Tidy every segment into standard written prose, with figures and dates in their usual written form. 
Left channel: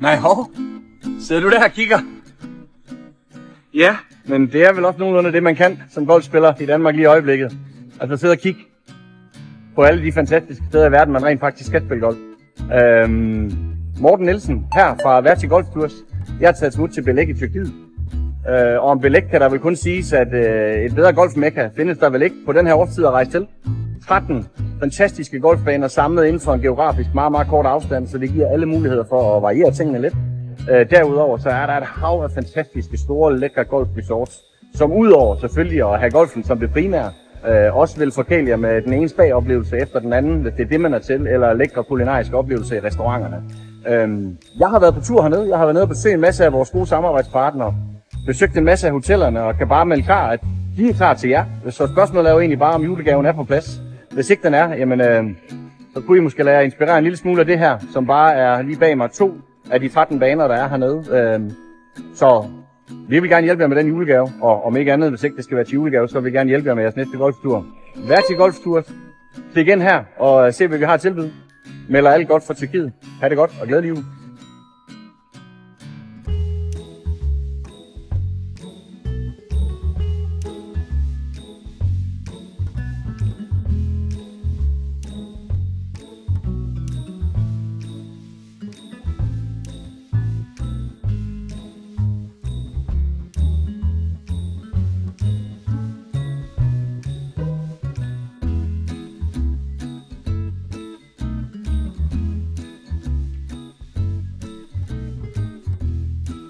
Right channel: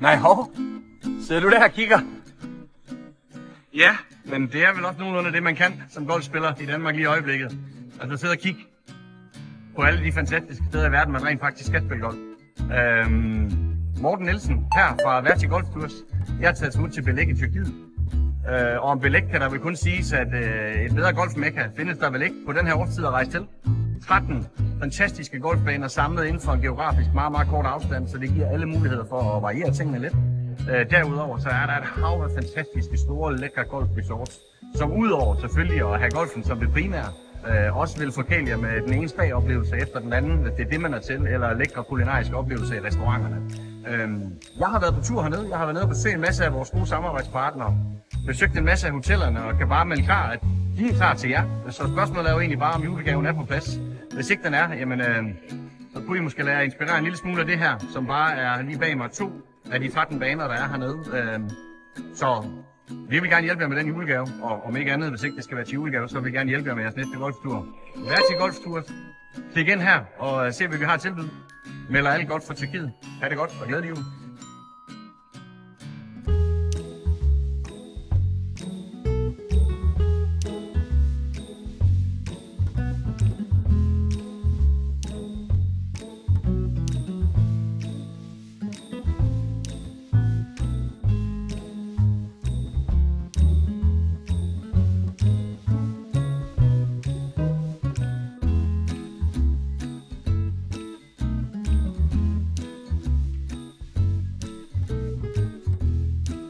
Nej, hov. Sidder du der og kigger? Ja, men det er vel også nogenlunde det, man kan som golfspiller i Danmark lige i øjeblikket. Altså sidde og kigge på alle de fantastiske steder i verden, man rent faktisk skal spille golf. Morten Nielsen her fra Verti Golf Tours. Jeg har taget smut til Belek i Tyrkiet. Og om Belek kan der vel kun siges, at et bedre golfmekka findes der vel ikke på den her årstid at rejse til. 13 fantastiske golfbaner samlet inden for en geografisk meget, meget kort afstand, så det giver alle muligheder for at variere tingene lidt. Derudover så er der et hav af fantastiske, store, lækre golfresorts, som udover selvfølgelig at have golfen som det primære, også vil forkæle jer med den ene spa-oplevelse efter den anden, hvis det er det, man er til, eller lækre kulinariske oplevelser i restauranterne. Jeg har været på tur hernede, jeg har været nede og besøgt en masse af vores gode samarbejdspartnere, besøgt en masse af hotellerne og kan bare melde klar, at de er klar til jer. Så spørgsmålet er jo egentlig bare, om julegaven er på plads. Hvis ikke den er, jamen, så kunne I måske lade jer inspirere en lille smule af det her, som bare er lige bag mig 2 af de 13 baner, der er hernede. Så vi vil gerne hjælpe jer med den julegave, og om ikke andet, hvis ikke det skal være til julegave, så vil vi gerne hjælpe jer med jeres næste golftur. Verti Golf Tours. Klik ind her og se, hvad vi har at tilbyde. Melder alt godt fra Tyrkiet. Ha' det godt og glædelig jul.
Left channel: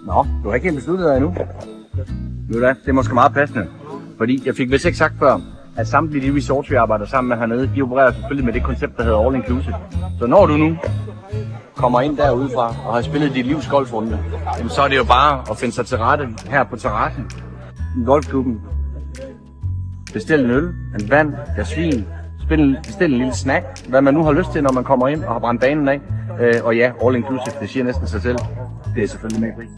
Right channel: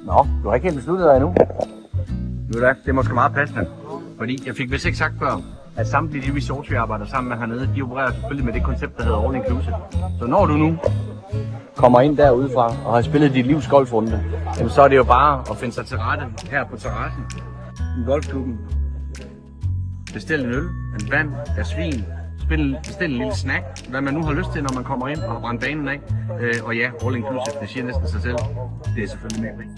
Nå, du har ikke helt besluttet dig endnu. Ved du hvad, det er måske meget passende. Fordi jeg fik vist ikke sagt før, at samtlige de resorts, vi arbejder sammen med hernede, de opererer selvfølgelig med det koncept, der hedder All Inclusive. Så når du nu kommer ind derudefra og har spillet dit livs golfrunde, så er det jo bare at finde sig til rette her på terrassen i golfklubben. Bestil en øl, en vand, gas vin, bestil en lille snack, hvad man nu har lyst til, når man kommer ind og har brændt banen af. Og ja, All Inclusive, det siger næsten sig selv. Det er selvfølgelig med pris.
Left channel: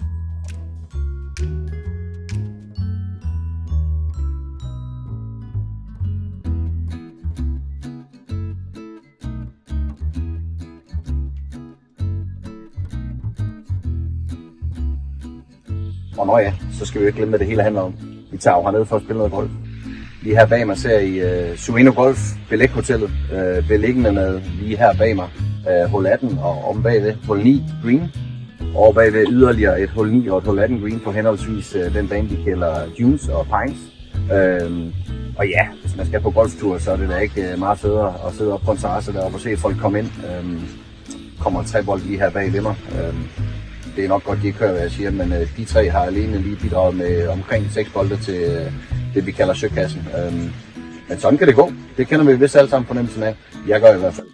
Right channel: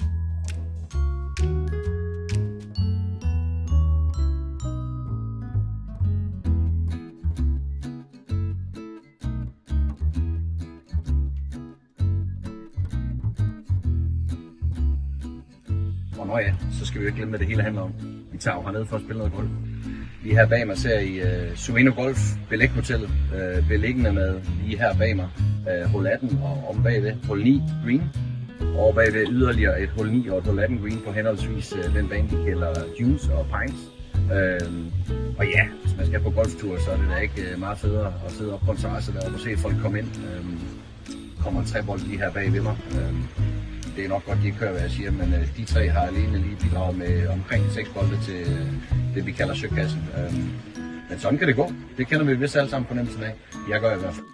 Og nå ja, så skal vi jo ikke glemme, hvad det hele handler om. Vi tager jo hernede for at spille noget golf. Lige her bag mig ser I Suino Golf Belek Hotellet, beliggende med lige her bag mig hul 18 og om bagved hul 9 green. Og bagved yderligere et hul 9 og et hul 18 green på henholdsvis den bane, vi kalder Dunes og Pines. Og ja, hvis man skal på golftur, så er det da ikke meget federe at sidde op på en terrasse deroppe og se folk komme ind. Kommer en trebold lige her bag ved mig. Det er nok godt, de ikke hører, hvad jeg siger, men de 3 har alene lige bidraget med omkring 6 bolde til det, vi kalder søkassen. Men sådan kan det gå. Det kender vi vist alle sammen fornemmelsen af. Jeg gør i hvert fald.